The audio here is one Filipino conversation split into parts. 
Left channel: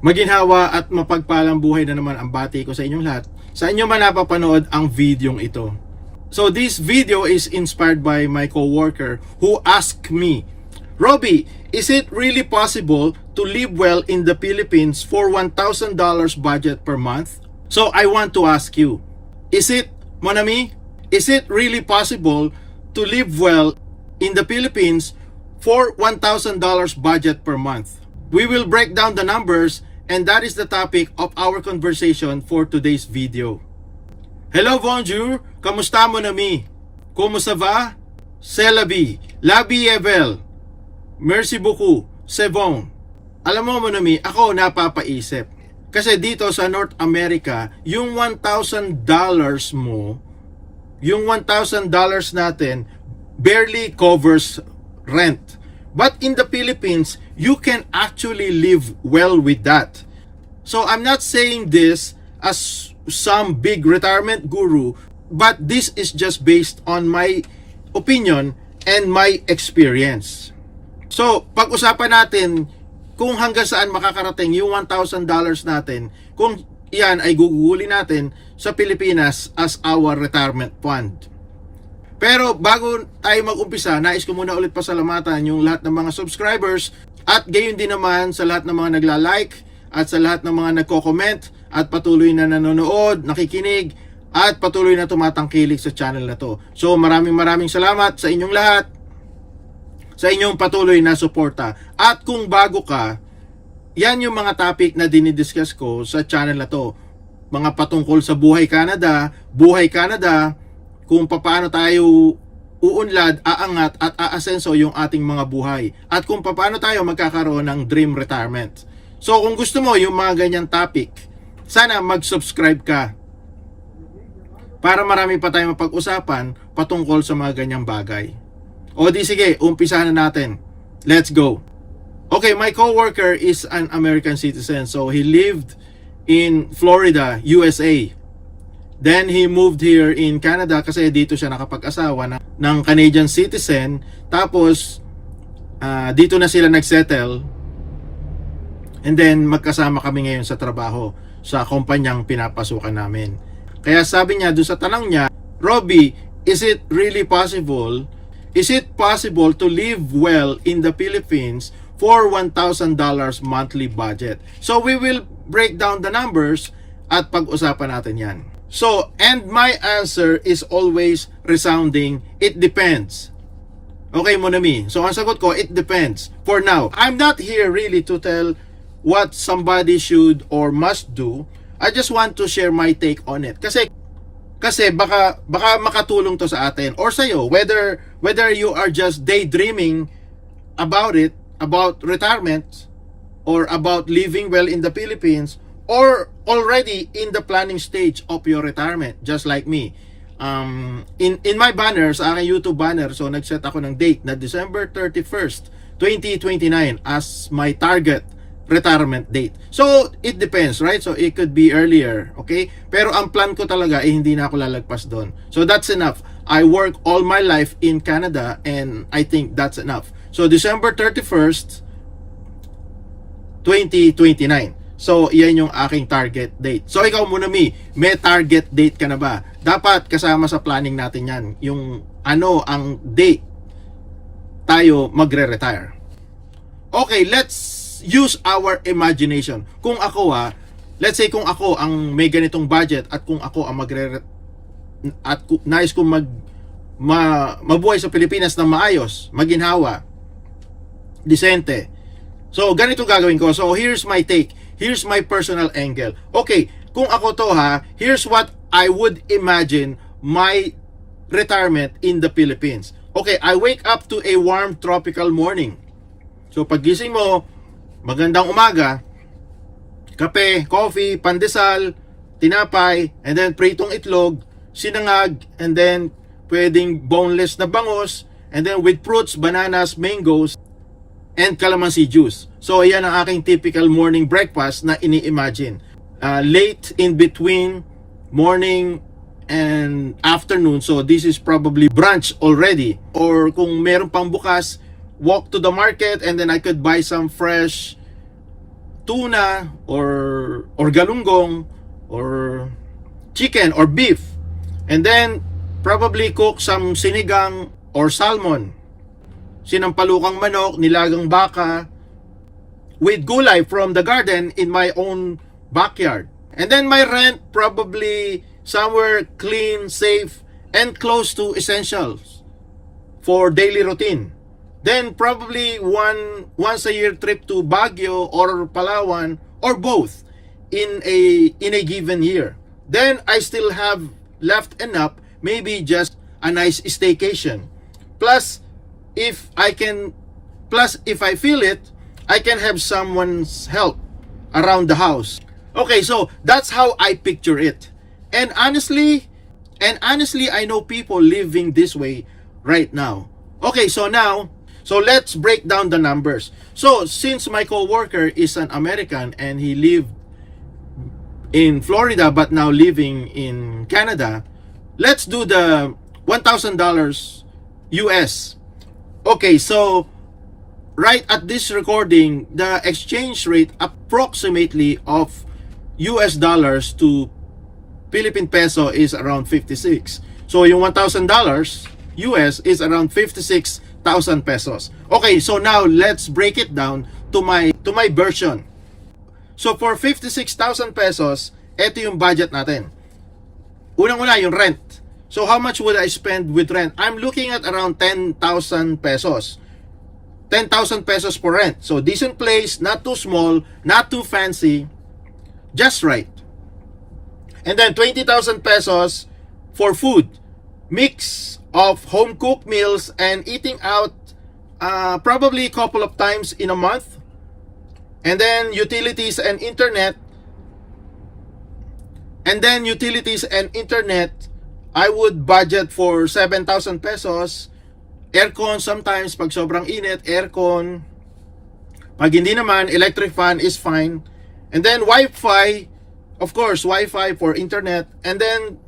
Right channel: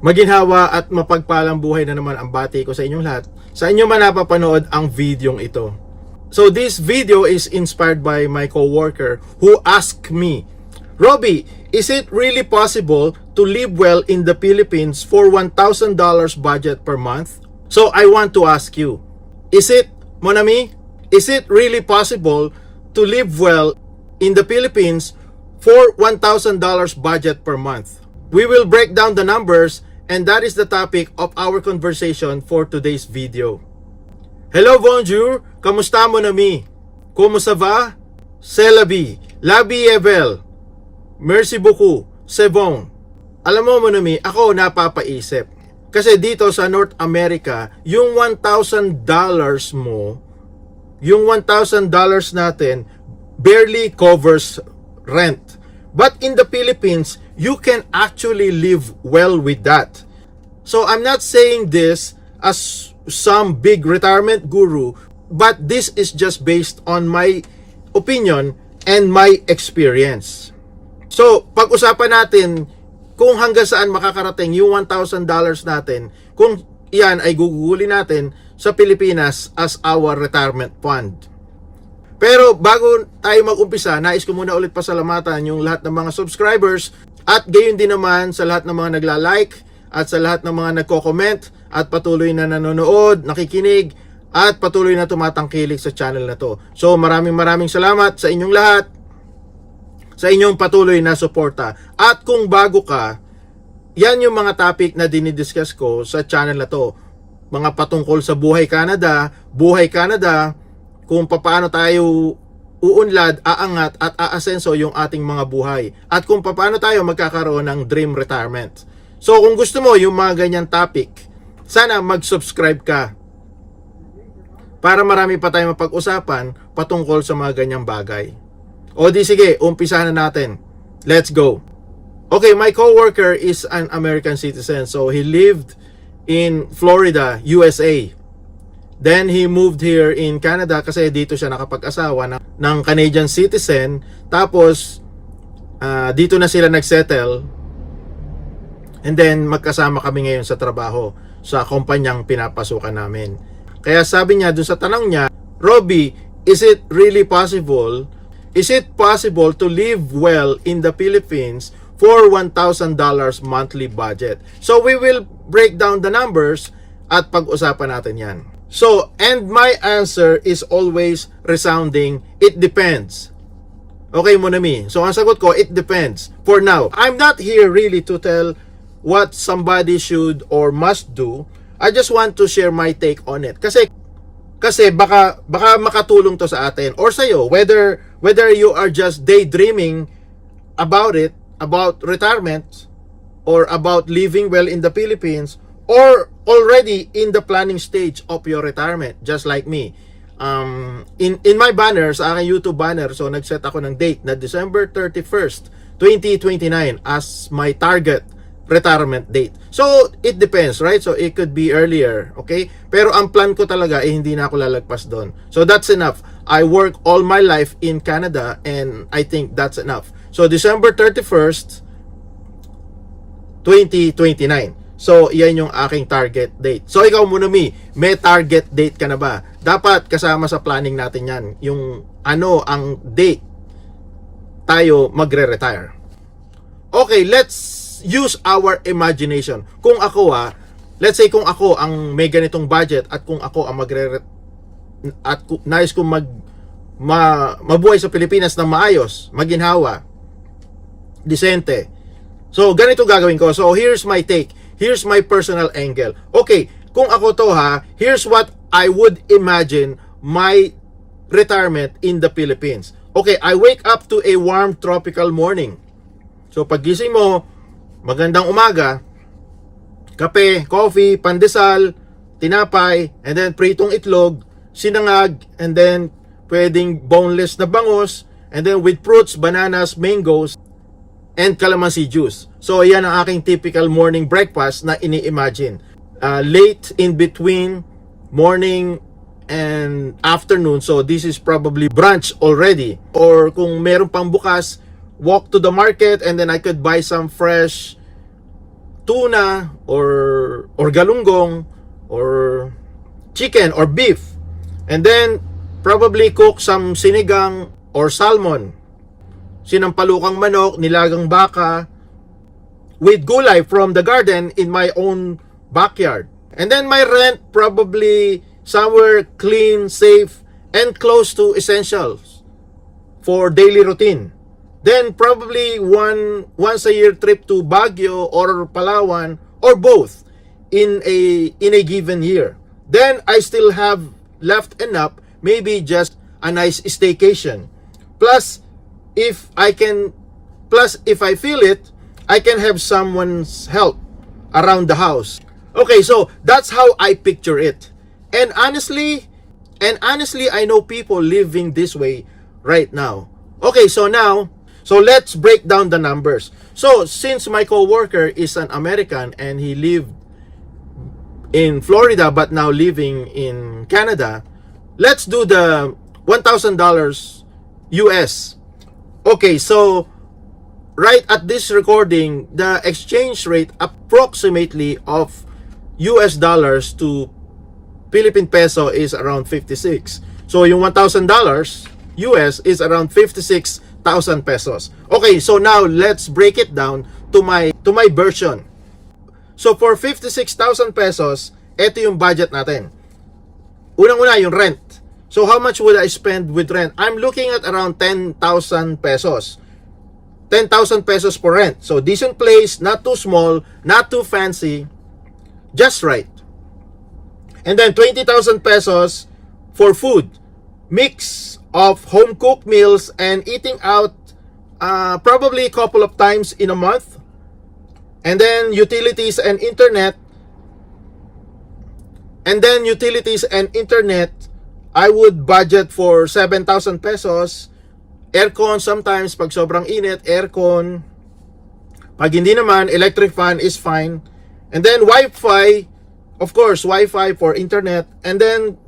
Maginhawa at mapagpalang buhay na naman ang bati ko sa inyong lahat. Sa inyo man napapanood ang videong ito. So this video is inspired by my coworker who asked me, Robbie, is it really possible to live well in the Philippines for $1,000 budget per month? So I want to ask you, is it, mon ami, is it really possible to live well in the Philippines for $1,000 budget per month? We will break down the numbers, and that is the topic of our conversation for today's video. Hello, bonjour, kamusta mon ami? Comment ça va? C'est la vie. La vie est belle. Merci beaucoup. C'est bon. Alam mo mon ami, ako napapaisip. Kasi dito sa North America, yung $1,000 mo, yung $1,000 natin barely covers rent. But in the Philippines, you can actually live well with that. So I'm not saying this as some big retirement guru, but this is just based on my opinion and my experience. So, pag-usapan natin kung hanggang saan makakarating yung $1,000 natin, kung iyan ay gugugulin natin sa Pilipinas as our retirement fund. Pero bago tayo mag-umpisa, nais ko muna ulit pasalamatan yung lahat ng mga subscribers at gayon din naman sa lahat ng mga nagla-like at sa lahat ng mga nagko-comment at patuloy na nanonood, nakikinig at patuloy na tumatangkilik sa channel na to. So maraming salamat sa inyong lahat, sa inyong patuloy na suporta. At kung bago ka, yan yung mga topic na dinidiscuss ko sa channel na to. Mga patungkol sa buhay Canada, kung paano tayo uunlad, aangat at aasenso yung ating mga buhay. At kung paano tayo magkakaroon ng dream retirement. So kung gusto mo yung mga ganyan topic, sana mag-subscribe ka para marami pa tayong mapag-usapan patungkol sa mga ganyang bagay. O di sige, umpisahan na natin. Let's go. Okay, my coworker is an American citizen. So he lived in Florida, USA. Then he moved here in Canada kasi dito siya nakapag-asawa ng Canadian citizen. Tapos dito na sila nagsettle. And then magkasama kami ngayon sa trabaho sa kumpanyang pinapasukan namin. Kaya sabi niya doon sa tanong niya, Robbie, is it really possible? Is it possible to live well in the Philippines for $1,000 monthly budget? So we will break down the numbers at pag-usapan natin yan. So, and my answer is always resounding, it depends. Okay, Monami. So, ang sagot ko, it depends. For now, I'm not here really to tell what somebody should or must do. I just want to share my take on it. Kasi baka makatulong to sa atin or sa'yo, whether you are just daydreaming about it, about retirement, or about living well in the Philippines, or already in the planning stage of your retirement, just like me. In my banner, sa aking YouTube banner, so nag-set ako ng date na December 31st, 2029 as my target retirement date. So, it depends, right? So, it could be earlier, okay? Pero ang plan ko talaga, hindi na ako lalagpas doon. So, that's enough. I work all my life in Canada and I think that's enough. So, December 31st, 2029. So, yan yung aking target date. So, ikaw muna, may target date ka na ba? Dapat kasama sa planning natin yan. Yung ano ang date tayo magre-retire. Okay, let's use our imagination. Kung ako let's say kung ako ang may ganitong budget at kung ako ang at nais kong mabuhay sa Pilipinas ng maayos, maginhawa, disente. So, ganito gagawin ko. So, here's my take. Here's my personal angle. Okay, kung ako to here's what I would imagine my retirement in the Philippines. Okay, I wake up to a warm tropical morning. So paggising mo, magandang umaga, kape, coffee, pandesal, tinapay, and then pritong itlog, sinangag, and then pwedeng boneless na bangus, and then with fruits, bananas, mangoes, and calamansi juice. So, yan ang aking typical morning breakfast na ini-imagine. Late in between morning and afternoon. So, this is probably brunch already. Or kung meron pang bukas, walk to the market and then I could buy some fresh tuna or galunggong or chicken or beef. And then probably cook some sinigang or salmon, sinampalukang manok, nilagang baka, with gulay from the garden in my own backyard. And then my rent, probably somewhere clean, safe, and close to essentials for daily routine. Then probably once a year trip to Baguio or Palawan or both in a given year. Then I still have left enough, maybe just a nice staycation. Plus if I feel it, I can have someone's help around the house. Okay, so that's how I picture it. And honestly, I know people living this way right now. Okay, so let's break down the numbers. So since my coworker is an American and he lived in Florida but now living in Canada, let's do the $1,000 US. Okay, so right at this recording, the exchange rate approximately of US dollars to Philippine peso is around 56. So yung $1,000 US is around 56,000 pesos. Okay, so now let's break it down to my version. So for 56,000 pesos, ito yung budget natin. Unang-una yung rent. So how much would I spend with rent? I'm looking at around 10,000 pesos. 10,000 pesos for rent. So decent place, not too small, not too fancy, just right. And then 20,000 pesos for food. Mix of home cooked meals and eating out probably a couple of times in a month. And then utilities and internet. I would budget for 7,000 pesos. Aircon sometimes pag sobrang init, aircon. Pag hindi naman, electric fan is fine. And then Wi-Fi, of course, Wi-Fi for internet. And then,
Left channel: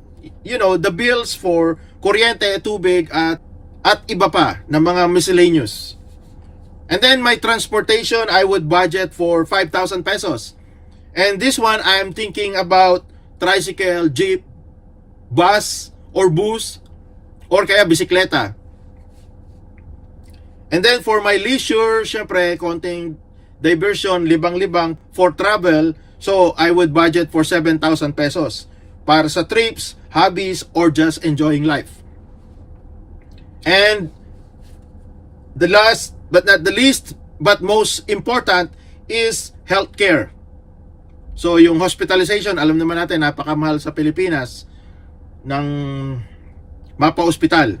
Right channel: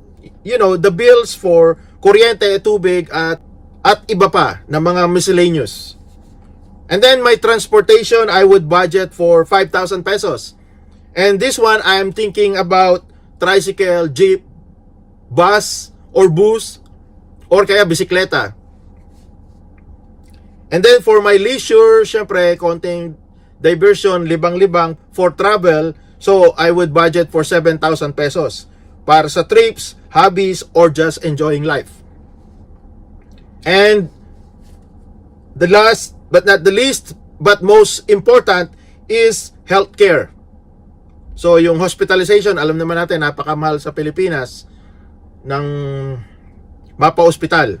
you know, the bills for kuryente, tubig, at iba pa na mga miscellaneous. And then my transportation, I would budget for 5,000 pesos. And this one, I'm thinking about tricycle, jeep, bus, or bus, or kaya bisikleta. And then for my leisure, syempre, konting diversion, libang-libang for travel. So I would budget for 7,000 pesos para sa trips, hobbies, or just enjoying life. And the last but not the least but most important is healthcare. So yung hospitalization, alam naman natin napakamahal sa Pilipinas ng mapa-hospital,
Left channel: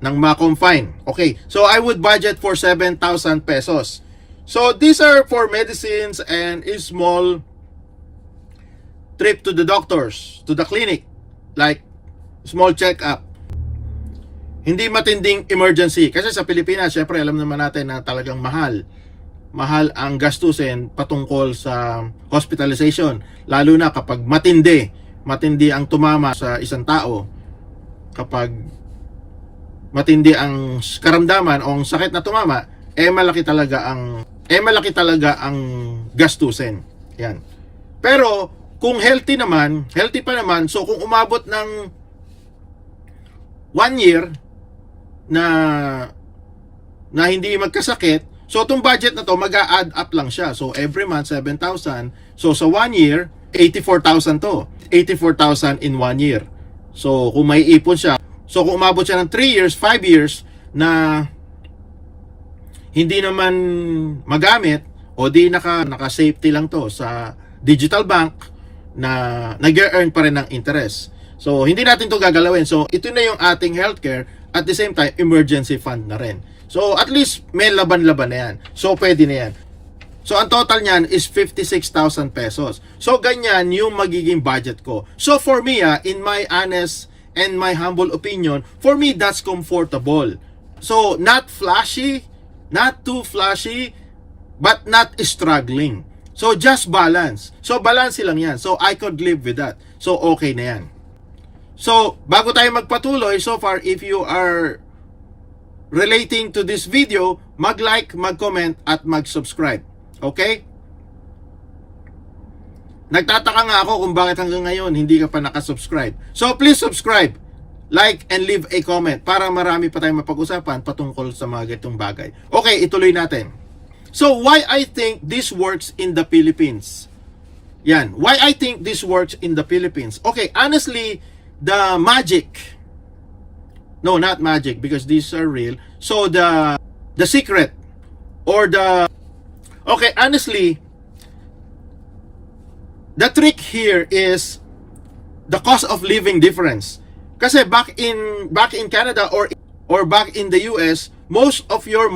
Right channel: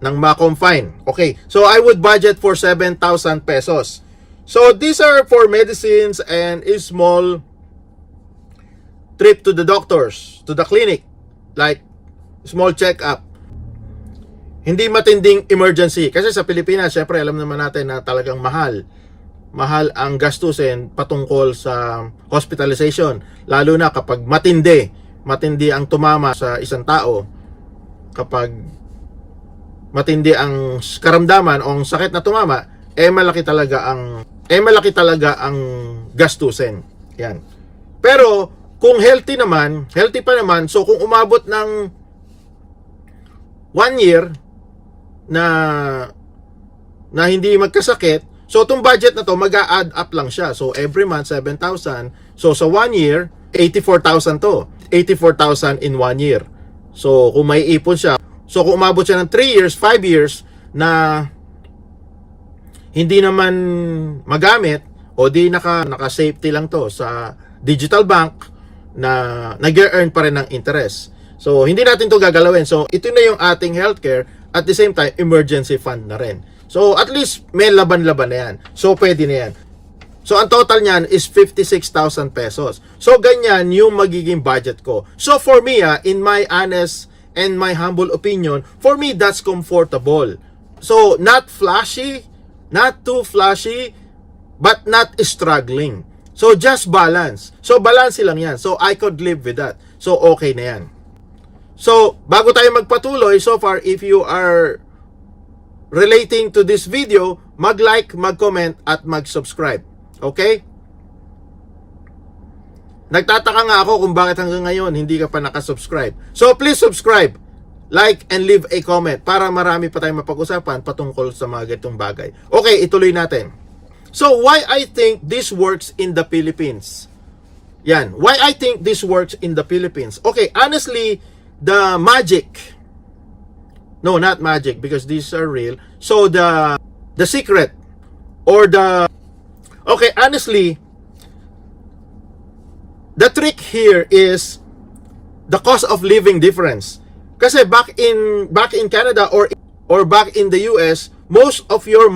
ng ma-confine. Okay, so I would budget for 7,000 pesos. So these are for medicines and a small trip to the doctors, to the clinic, like small check-up. Hindi matinding emergency. Kasi sa Pilipinas, syempre alam naman natin na talagang mahal ang gastusin patungkol sa hospitalization. Lalo na kapag matindi ang tumama sa isang tao, kapag matindi ang karamdaman o ang sakit na tumama, malaki talaga ang gastusin. Yan. Pero kung healthy pa naman, so kung umabot ng 1 year na hindi magkasakit, so itong budget na to mag-a-add up lang siya. So every month 7,000. So sa 1 year 84,000 to. 84,000 in 1 year. So kung may ipon siya, so kung umabot siya ng 3 years, 5 years na hindi naman magamit o di naka-safety lang to sa digital bank na nag-earn pa rin ng interest. So hindi natin to gagalawin. So ito na yung ating healthcare, at the same time emergency fund na rin. So at least may laban-laban na yan. So pwede na yan. So ang total niyan is 56,000 pesos. So ganyan yung magiging budget ko. So for me, in my honest and my humble opinion, for me that's comfortable. So not flashy, not too flashy, but not struggling. So just balance. So balance lang yan. So I could live with that. So okay na yan. So bago tayo magpatuloy, so far if you are relating to this video, mag-like, mag-comment at mag-subscribe. Okay? Nagtataka nga ako kung bakit hanggang ngayon hindi ka pa nakasubscribe. So please subscribe, like, and leave a comment para marami pa tayong mapag-usapan patungkol sa mga ganitong bagay. Okay, ituloy natin. So why I think this works in the Philippines? Yan, why I think this works in the Philippines. Okay, honestly, the magic, no, not magic because these are real. So the secret or okay, honestly, the trick here is the cost of living difference. Kasi back in Canada or back in the US, most of our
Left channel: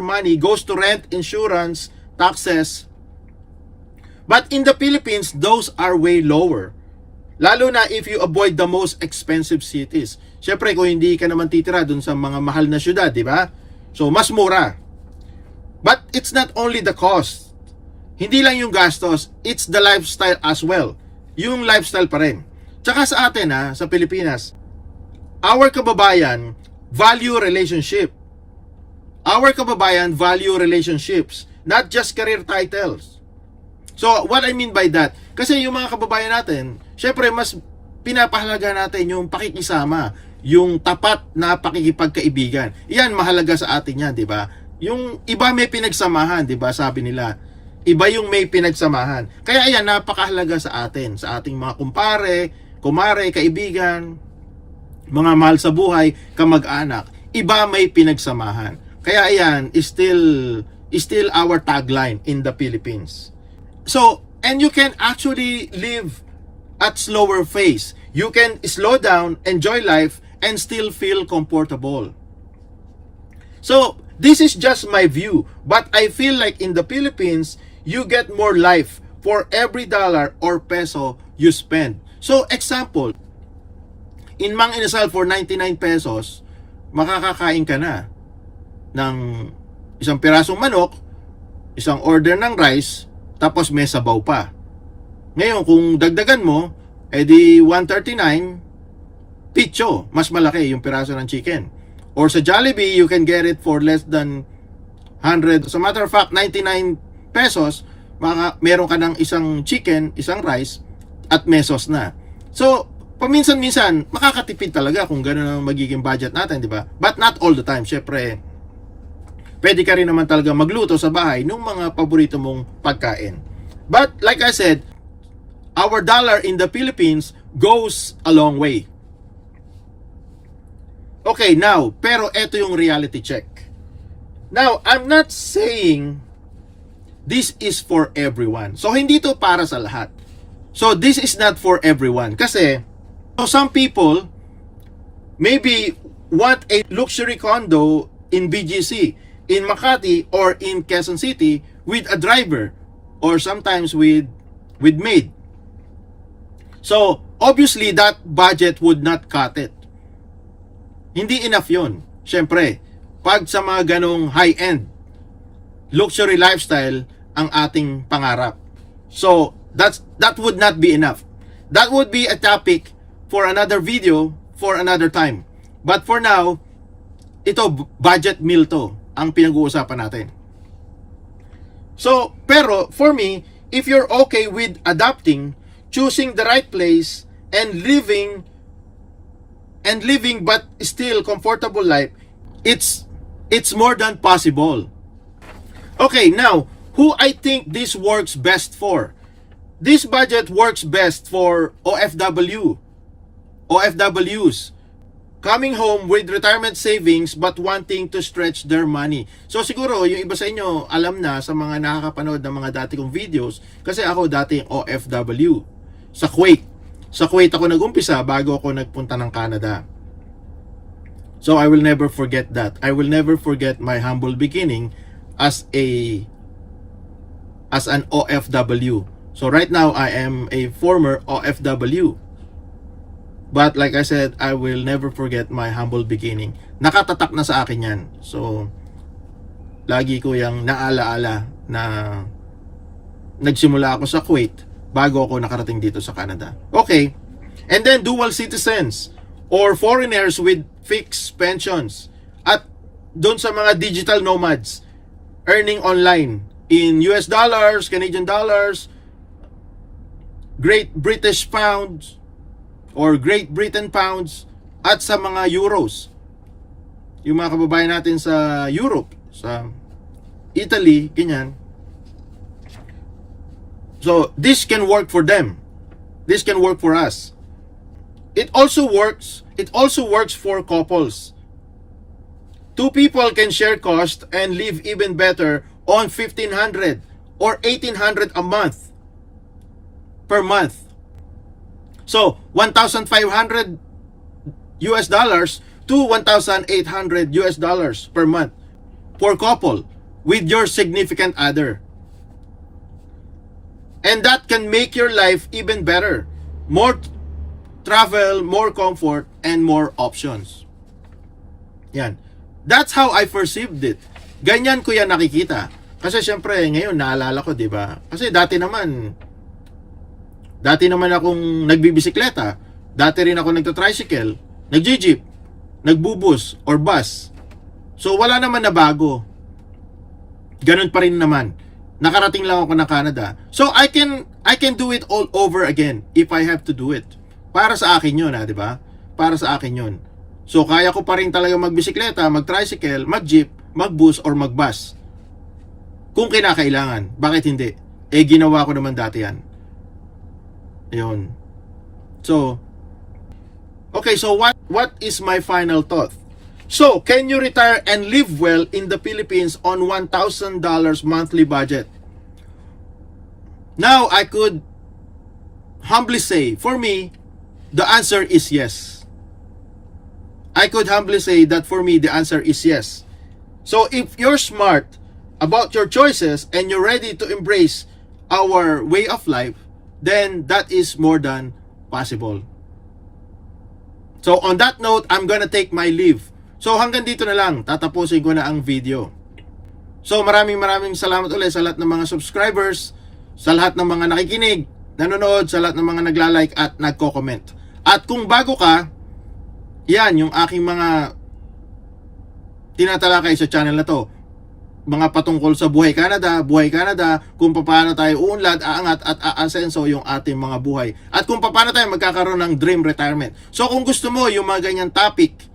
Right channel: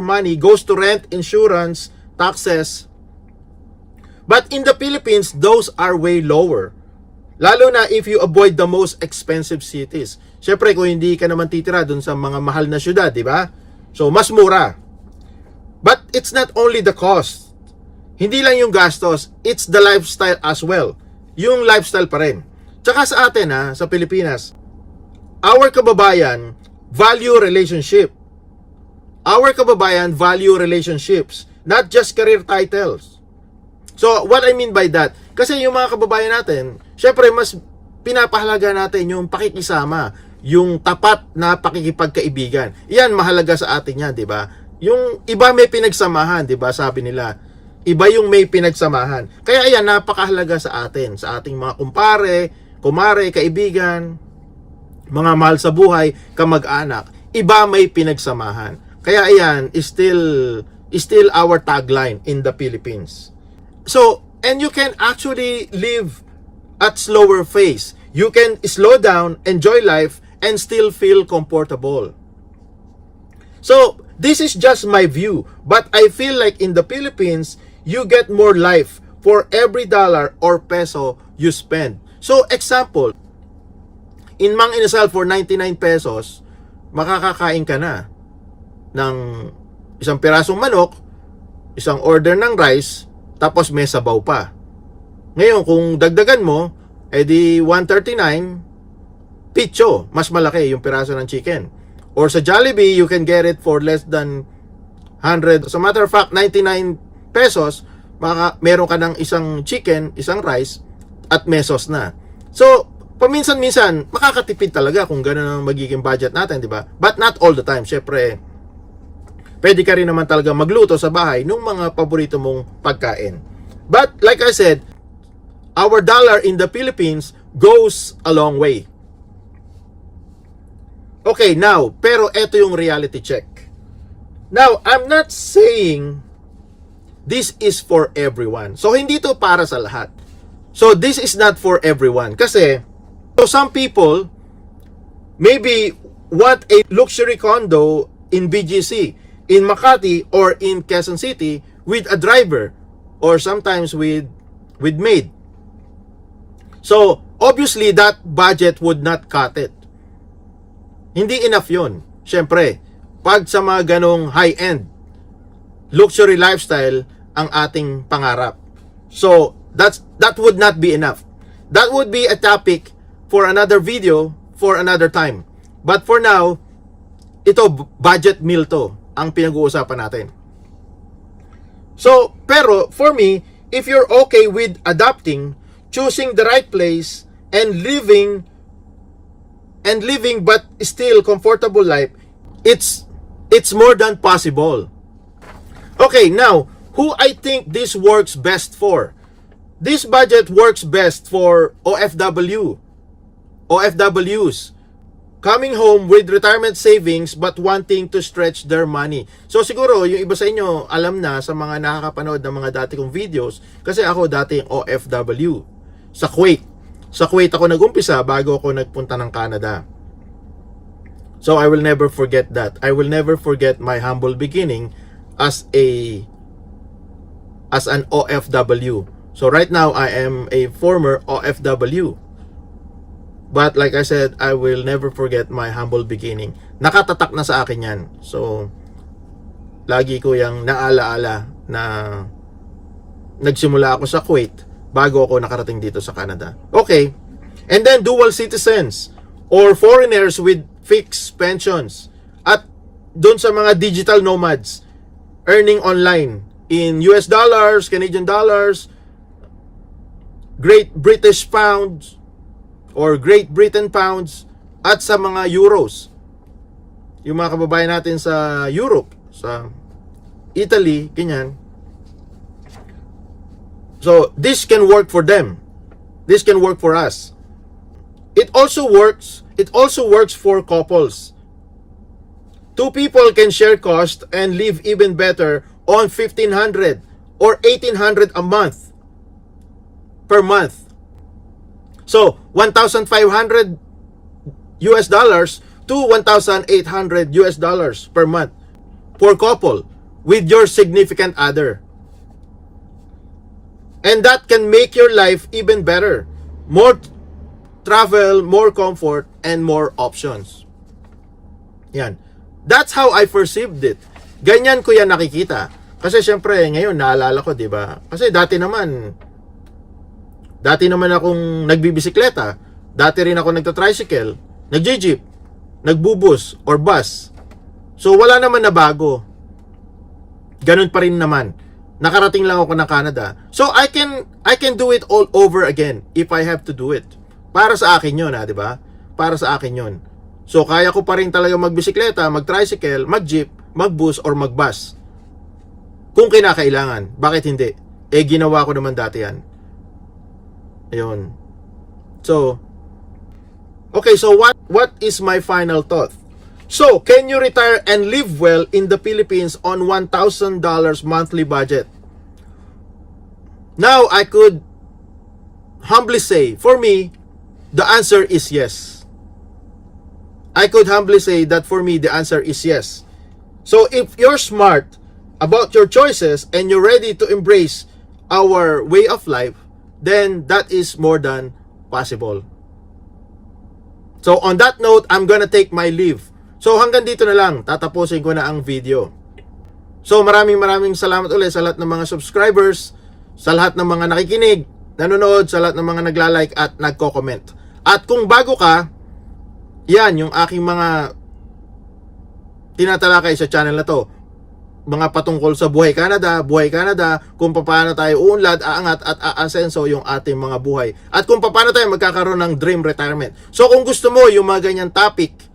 money goes to rent, insurance, taxes. But in the Philippines, those are way lower. Lalo na if you avoid the most expensive cities. Syempre kung hindi ka naman titira dun sa mga mahal na syudad, di ba? So mas mura. But it's not only the cost. Hindi lang yung gastos, it's the lifestyle as well. Yung lifestyle pa rin. Tsaka sa atin sa Pilipinas, our kababayan value relationship. Our kababayan value relationships, not just career titles. So, what I mean by that, kasi yung mga kababayan natin, syempre mas pinapahalaga natin yung pakikisama, yung tapat na pakikipagkaibigan. Yan, mahalaga sa atin yan, di ba? Yung iba may pinagsamahan, di ba? Sabi nila, iba yung may pinagsamahan. Kaya ayan, napakahalaga sa atin, sa ating mga kumpare, kumare, kaibigan, mga mahal sa buhay, kamag-anak. Iba may pinagsamahan. Kaya ayan, is still our tagline in the Philippines. So, and you can actually live at slower pace. You can slow down, enjoy life, and still feel comfortable. So, this is just my view, but I feel like in the Philippines, you get more life for every dollar or peso you spend. So, example, in Mang Inasal for 99 pesos, makakakain ka na ng isang pirasong manok, isang order ng rice, tapos may sabaw pa. Ngayon, kung dagdagan mo, edi 139, picho, mas malaki yung piraso ng chicken. Or sa Jollibee, you can get it for less than 100. As a matter of fact, 99 pesos, meron ka ng isang chicken, isang rice, at mesos na. So, paminsan-minsan, makakatipid talaga kung gano'n ang magiging budget natin, di ba? But not all the time. Syempre, pwede ka rin naman talaga magluto sa bahay ng mga paborito mong pagkain. But, like I said, our dollar in the Philippines goes a long way. Okay, now, pero eto yung reality check. Now, I'm not saying this is for everyone. So, hindi to para sa lahat. So, this is not for everyone. Kasi, so some people maybe want a luxury condo in BGC, in Makati, or in Quezon City with a driver, or sometimes with maid. So, obviously, that budget would not cut it. Hindi enough yun. Siyempre, pag sa mga ganong high-end luxury lifestyle ang ating pangarap. So, that would not be enough. That would be a topic for another video, for another time. But for now, ito, budget meal to, ang pinag-uusapan natin. So, pero, for me, if you're okay with adapting, choosing the right place, and living but still comfortable life, it's more than possible. Okay, now, who I think this works best for? This budget works best for OFWs coming home with retirement savings but wanting to stretch their money. So siguro yung iba sa inyo alam na sa mga nakakapanood ng mga dati kong videos, kasi ako dati OFW sa Kuwait. Sa Kuwait ako nag-umpisa bago ako nagpunta ng Canada. So I will never forget that. I will never forget my humble beginning as an OFW. So right now I am a former OFW. But like I said, I will never forget my humble beginning. Nakatatak na sa akin yan. So lagi ko yung naalaala na nagsimula ako sa Kuwait bago ako nakarating dito sa Canada. Okay. And then dual citizens or foreigners with fixed pensions. At doon sa mga digital nomads earning online in US dollars, Canadian dollars, Great British Pounds or Great Britain Pounds at sa mga Euros. Yung mga kababayan natin sa Europe, sa Italy, ganyan. So, this can work for them. This can work for us. It also works for couples. Two people can share cost and live even better on $1,500 or $1,800 a month per month. So, $1,500 US dollars to $1,800 US dollars per month for couple with your significant other. And that can make your life even better. More travel, more comfort, and more options. Yan. That's how I perceived it. Ganyan ko yan nakikita. Kasi syempre, ngayon, naalala ko, di ba? Kasi dati naman akong nagbibisikleta. Dati rin ako nagta-tricycle, nag-jeep, nagbubus, or bus. So, wala naman na bago. Ganun pa rin naman. Nakarating lang ako ng Canada. So, I can do it all over again if I have to do it. Para sa akin yun, di ba? Para sa akin yun. So, kaya ko pa rin talaga magbisikleta, mag-tricycle, mag-jeep, mag-bus, or mag-bus. Kung kinakailangan. Bakit hindi? Ginawa ko naman dati yan. Ayun. So, okay, so what is my final thought? So, can you retire and live well in the Philippines on $1,000 monthly budget? Now, I could humbly say, for me, the answer is yes. I could humbly say that for me, the answer is yes. So, if you're smart about your choices and you're ready to embrace our way of life, then that is more than possible. So, on that note, I'm gonna take my leave. So, hanggang dito na lang. Tatapusin ko na ang video. So, maraming salamat ulit sa lahat ng mga subscribers, sa lahat ng mga nakikinig, nanonood, sa lahat ng mga nagla-like at nagko-comment. At kung bago ka, yan yung aking mga tinatalakay sa channel na to. Mga patungkol sa buhay Canada, kung paano tayo uunlad, aangat at aasenso yung ating mga buhay. At kung paano tayo magkakaroon ng dream retirement. So, kung gusto mo yung mga ganyan topic,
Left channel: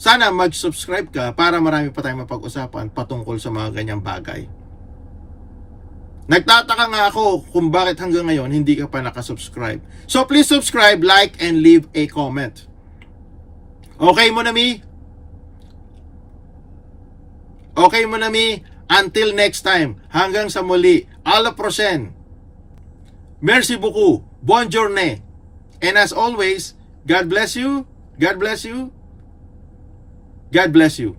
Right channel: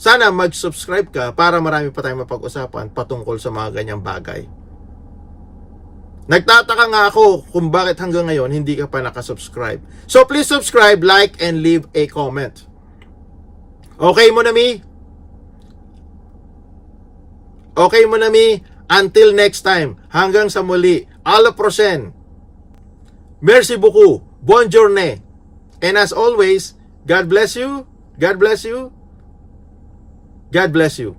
sana mag-subscribe ka para marami pa tayong mapag-usapan patungkol sa mga ganyang bagay. Nagtataka nga ako kung bakit hanggang ngayon hindi ka pa nakasubscribe. So please subscribe, like, and leave a comment. Okay mo na mi? Okay mo na mi? Until next time, hanggang sa muli, à la prochaine. Merci beaucoup. Bonne journée. And as always, God bless you. God bless you. God bless you.